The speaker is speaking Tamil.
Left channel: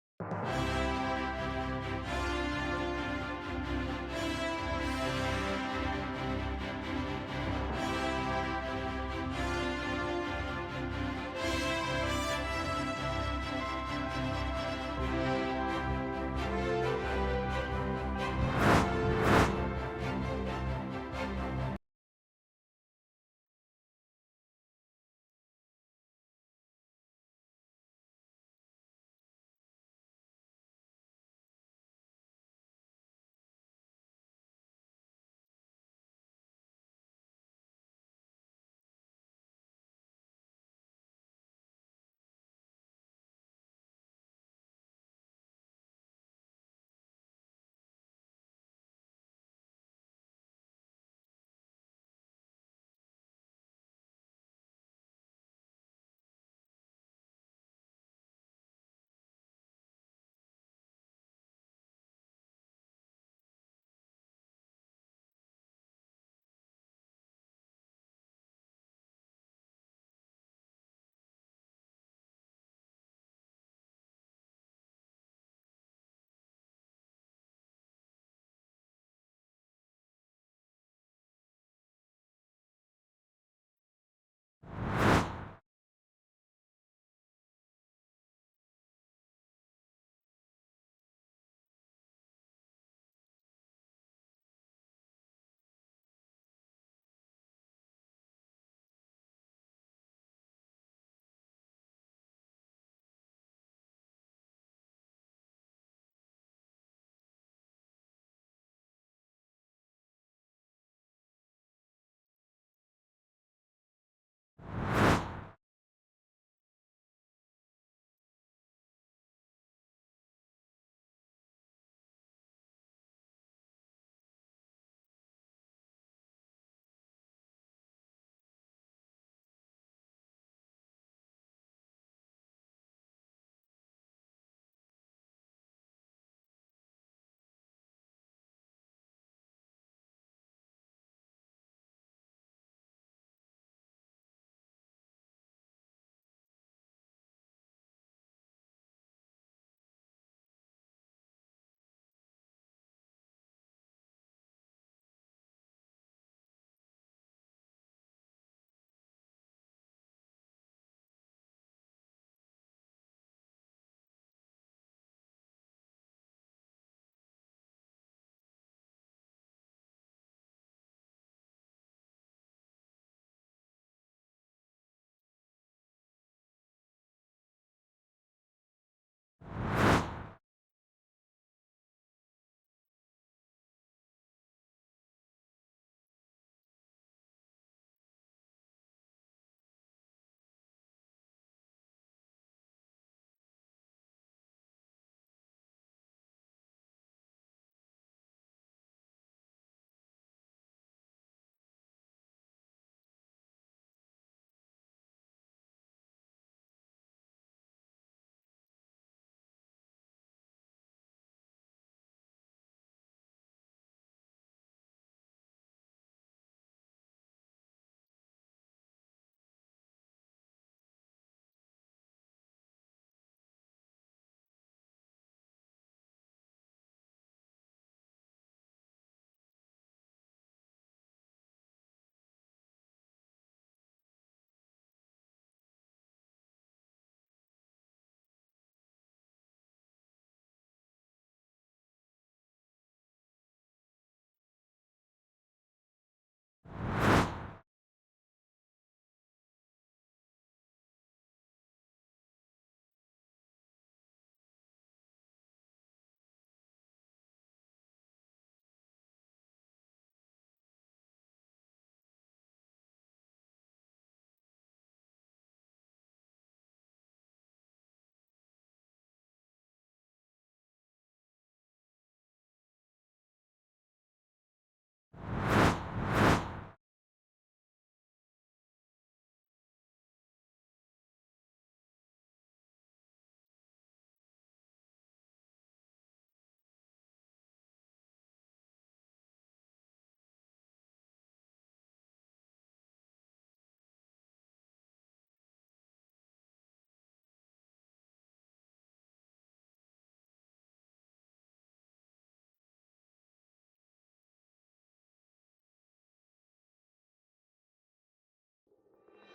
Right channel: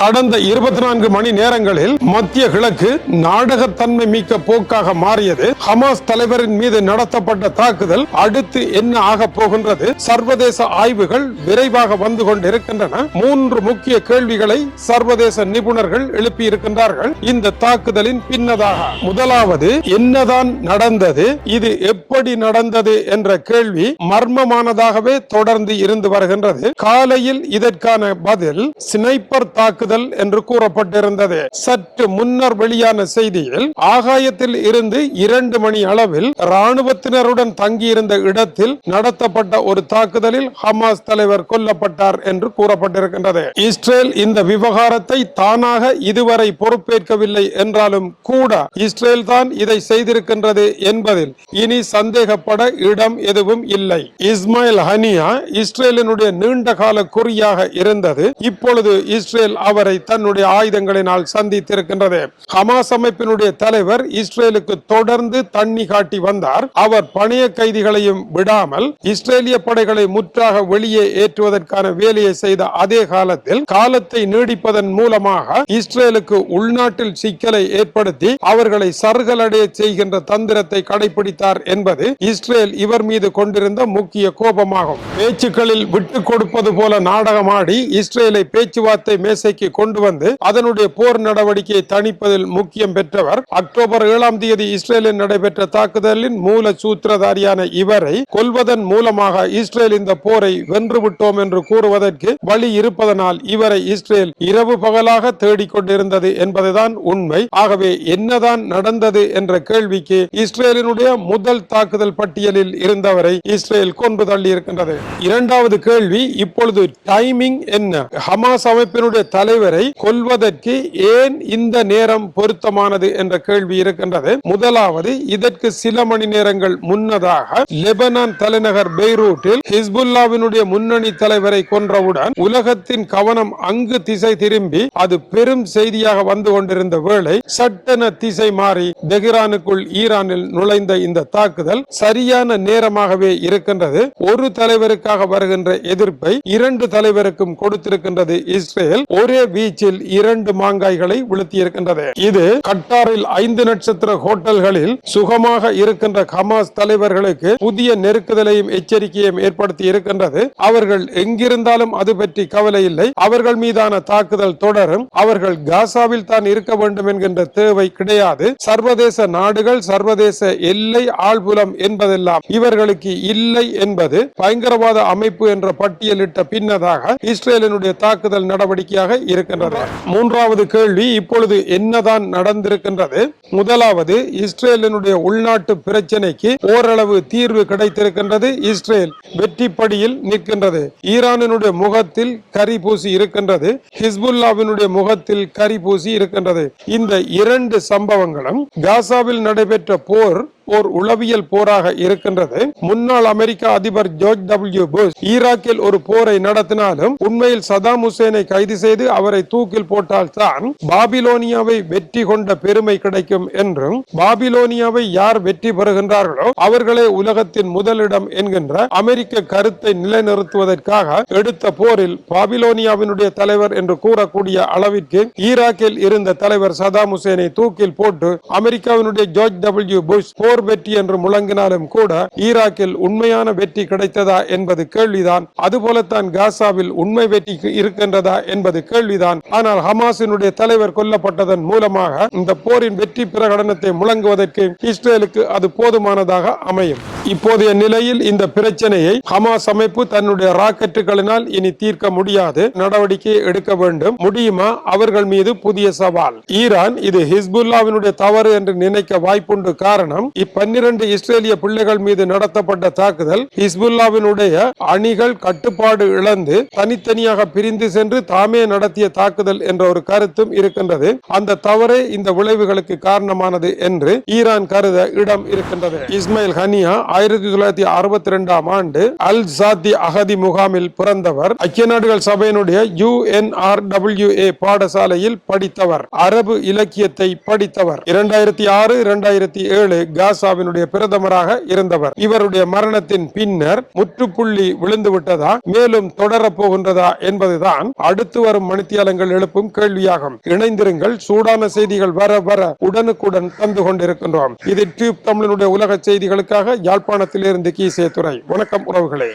கடந்த இருபத்தி நான்கு மணி நேரங்களில் மத்திய கிழக்கு நாடகத்தன்மை மிக்க போக்காக மாறியது. ஹமாஸ் தலைவரின் மீது நடத்தப்பட்ட தாக்குதல் அடுத்து என்ன ஆக போகின்றது சர்வதேச ஆய்வுகள் விரைவாக வந்து கொண்டிருக்கின்றன. மூன்று முக்கிய கேள்விகளை சர்வதேச நிபுணர்கள் எழுப்பியிருக்கின்றார்கள். இந்த தாக்குதலின் பின்னதாக முதலாவது என்னதான் நடந்தது இது எப்படி நடந்தது என்ற கேள்வி மர்மமானதாகவே தொடர்ந்து இருந்து வருகின்றது. காலையில் இதற்கான பதில் ஸ்னைப்பர் தாக்குதல் தாக்குதல் என்று கூறப்பட்டிருந்தது. சற்று முன்னர் வெளியான செய்தியில் ஆகாயத்தில் இருந்து இரண்டு மணி அளவில் ராணுவத்தினருடன் தங்கியிருந்த இடத்தில் நடத்தப்பட்ட ஒரு தாக்குதலில் ஹமாஸ் தலைவர் கொல்லப்பட்டார் என்று கூறப்பட்டிருக்கின்றது. இஸ்ரேல் இந்த விவகாரத்தை தானாக இதுவரை பொறுப்பேற்கவில்லை என்றாலும் கூட இஸ்ரேல் தான் இதை செய்திருக்கின்றது என்பதில் இனி சந்தேகப்பட இடம் எதுவும் இல்லை. இஸ்மாயில் ஹனியா இஸ்ரேலினுடைய நீண்ட கால குறியாக இருந்தது. இப்பொழுது இஸ்ரேல் அவர் தன்னுடைய ஆயுதங்களினால் சந்தித்திருக்கின்றது. ஹமாஸ் அமைப்பினுடைய தலைவர் இஸ்ரேலுக்கு தொடர்ந்து தண்ணி காட்டி வந்தார். அவர் பணைய கைதிகளையும் விடாமல் இஸ்ரேலிய படைகளை முற்றாக வெளியே ஏற்றுவதற்கான வேலையை செய்த அதே காலத்தில் காலத்தை நீடிப்பதன் மூலமாக இஸ்ரேலுக்கு உள்நாட்டில் சிக்கலை ஏற்படுத்தி அவர்களை சருகலடைய செய்கின்ற தந்திரத்தை கடைபிடித்தார் என்பது இஸ்ரேல் இவர் மீது கொண்டிருந்த முக்கிய கோபமாகும். பேச்சுக்களில் விட்டுக் கொடுப்பது போல நாடகமாடி இஸ்ரேலை பேச்சுவார்த்தை மேசைக்கு கொண்டு வந்து அதனுடைய போர் நடவடிக்கையை தணிப்பதில் முக்கியம் பெற்றவர். அக்டோபர் ஏழாம் தேதி இஸ்ரேலில் நடைபெற்ற தாக்குதலின் மூல சூத்திரதாரியான இவரை கொல்வதன் மூலமாக இஸ்ரேல் இந்த போரை வென்றுவிட்டோம் என்று கூறுவதற்கு வழி இருப்பதனால் இவரை இஸ்ரேல் இரவு பகலாக தேடிக் கொண்டிருந்தது என்பதுதான் உண்மை. ஆகவே என்னதான் நடந்தது என்ற கேள்விக்கு இஸ்ரேலினுடைய முதல் தாக்குதல் பட்டியலில் இருந்தவரை இஸ்ரேல் கொண்டு தள்ளி இருக்கின்றது இரண்டாவது கேள்வி இப்பொழுது டைமிங் என்ன? ஹமாஸ் அமைப்பினுடைய தலைவரை கொல்வதற்கு ஏன் இந்த நேரம் பொருத்தமானது என்ற கேள்வி இருக்கின்றது. முதலாவது இதற்கு சில மணி நேரங்கள் முன்னதாக லெபனான் தலைநகர் பெய்ரூட்டில் ஹிஸ்புல்லாவினுடைய முன்னணி தலைவரை கொன்றவுடன் உலகத்தின் கவனம் அங்கு திசை திரும்பி அது பெரும் செய்தியாக வந்து கொண்டிருந்த வேளை சட்டென திசை மாறி தெஹ்ரானுக்குள் ஈரானில் நுழைந்த இந்த தாக்குதல் சரியான நேரமாகவே இருக்கின்றது. ஒரு தலைவருக்காக வருகின்ற எதிர்ப்பை இரண்டு தலைவருக்கும் கொடுத்திருக்கின்றது இஸ்ரேல். ஒரே வீச்சில் இரண்டு மாங்காய்களை விழுத்தியிருக்கின்றது. இது கட்டாரில் ஐந்து நட்சத்திர ஹோட்டல்களில் சுகமாக இருக்கின்ற ஹமாஸ் தலைவர்களுக்கு புதிய நெருக்குதலையும் எச்சரிக்கையும் ஏற்படுத்தி இருக்கின்றது. அவர்கள் எங்கிருந்தாலும் அது பற்றி கவலை இல்லை. அவர்கள் மீதான தாக்குதல் தொடரும். அவர்கள் காசாவில் தான் இருக்க வேண்டும் என்கின்ற தேவை கிடையாது. சர்வதேச நாடுகள் சர்வதேச எல்லை ஆழ்புலம் என்பதெல்லாம் இவர்களுக்கு இல்லை என்பது பயங்கரவாத அமைப்பு என்ற பட்டியலிட்ட பின்னதாக இஸ்ரேலினுடைய தாக்குதல் நடவடிக்கையாக இருக்கின்றது. மூன்றாவது கேள்வி இப்பொழுது என்னதான் நடந்திருக்கின்றது? முதலாவது இஸ்ரேலினுடைய உள்நாட்டு பிரச்சனைக்கு ஓரளவு தீர்வு கிடைத்திருக்கின்றது. இஸ்ரேல் வெற்றி படியில் நிற்கின்றது. ஈரானினுடைய முகத்தில் கரி பூசி இருக்கின்றது. ஹிஸ்புல்லாவினுடைய முகத்தில் கரி பூசி இருக்கின்றது. இந்த இரண்டு சம்பவங்களும் காசாவில் நடைபெற்ற போர் ஓர் உளவியல் போராக இருக்கின்றது. முன்னாள் அமெரிக்க அதிபர் ஜார்ஜ் டபிள்யூ புஷ் ஈராக்கில் ஒரு போரை நடத்தினாலும் உண்மையில் சதாம் ஹுசேனை கைது செய்து அவரை தூக்கில் போட்டால் தான் பாபிலோனியாவை வெற்றி கொண்ட பெருமை கிடைக்கும் என்றும் பாபிலோனியாவை யார் வெற்றி பெறுகின்றார்களோ அவர்களே உலகத்தின் முதலிடம் என்கின்ற அமெரிக்க கருத்தை நிலைநிறுத்துவதற்காக எடுத்த போரில் பாபிலோனியாவினுடைய தலைவர் என்று கூறக்கூடிய அளவிற்கு ஈராக்கில் இருந்த தலைவர் சதாம் ஹுசேனை தூக்கில் போட்டு அமெரிக்காவினுடைய ஜார்ஜ் டபிள்யூ புஷ் போர் போர் வெற்றி என்று முழங்கினாலும் கூட ஈராக்கில் உண்மையான வெற்றி கிடைத்ததா என்பது கேள்விதான். அதுபோலத்தான் காசாவில் உண்மை வெற்றி இருக்கின்றதா என்பது கேள்விதான். ஆனால் ஹமாஸினுடைய தலைவர் கொல்லப்பட்டதன் மூலமாக இந்த போரின் வெற்றி பிரகடனத்தை முழங்குவதற்கு இஸ்ரேலுக்கு அது போதுமானதாக அமையும். இப்போதைய நிலையில் இந்த பிரச்சனையை ஹமாஸ் அமைப்பு தன்னுடைய ராக்கெட்டுகளினால் இனி தீர்க்க முடியாது. நடவடிக்கை எடுக்க வேண்டும். முடியுமா? அவர்கள் மீது புதிய சவால். ஈரான் இது ஹிஸ்புல்லாவினுடைய தவறு என்று நினைக்க வாய்ப்புண்டு. காரணம் பன்னிரண்டு இஸ்ரேலிய பிள்ளைகள் மீது நடத்தப்பட்ட தாக்குதல் ஹிஸ்புல்லாவினுடைய அணிகள் கட்டுப்பாடு இழந்து தனித்தனியாக பிரிந்து சென்று தாமே நடத்திய தாக்குதல் என்ற ஒரு கருத்தும் இருக்கின்றது. அந்த தவறே இந்த விளைவுகளுக்கு காரணமானது என்று ஈரான் கருத இடம் இருக்கின்றது. இஸ்மாயில் ஹனியா ஆயிரத்தி தொள்ளாயிரத்தி அறுபத்தி ரெண்டாம் ஆண்டு அல் சாத்தி அகதி முகாமில் பிறந்தவர். ஐக்கிய நாடுகள் சபையினுடைய யுஎன்ஆர்டபிள்யூஏ பாடசாலையில் படித்தவர். அரபு இலக்கியத்தை படித்தவர். இரண்டாயிரத்தி ஆறு இரண்டாயிரத்தி ஏழு காஸ் ஸ்ரீலங்காவினுடைய பிரதமராக இருந்தவர். இவருடைய மரணத்தின் பின்னர் முற்றுப்புள்ளி விழுந்து விட்டதா மேலும் தொடரப் போகின்றதா என்பதுதான் அடுத்து வரும் மணித்தியாலங்கள் எழுப்பும் கேள்வியாகும். இணைந்திருங்கள் சூடான செய்திகள் வர வர உடனுக்குடன் தந்து கொண்டிருக்கின்றோம். இது டியூப் தமிழனுடைய உலக செய்திகளுக்காக யாழ்ப்பாணத்திலிருந்து கீசே துறை வணக்கம் உறவுகளே.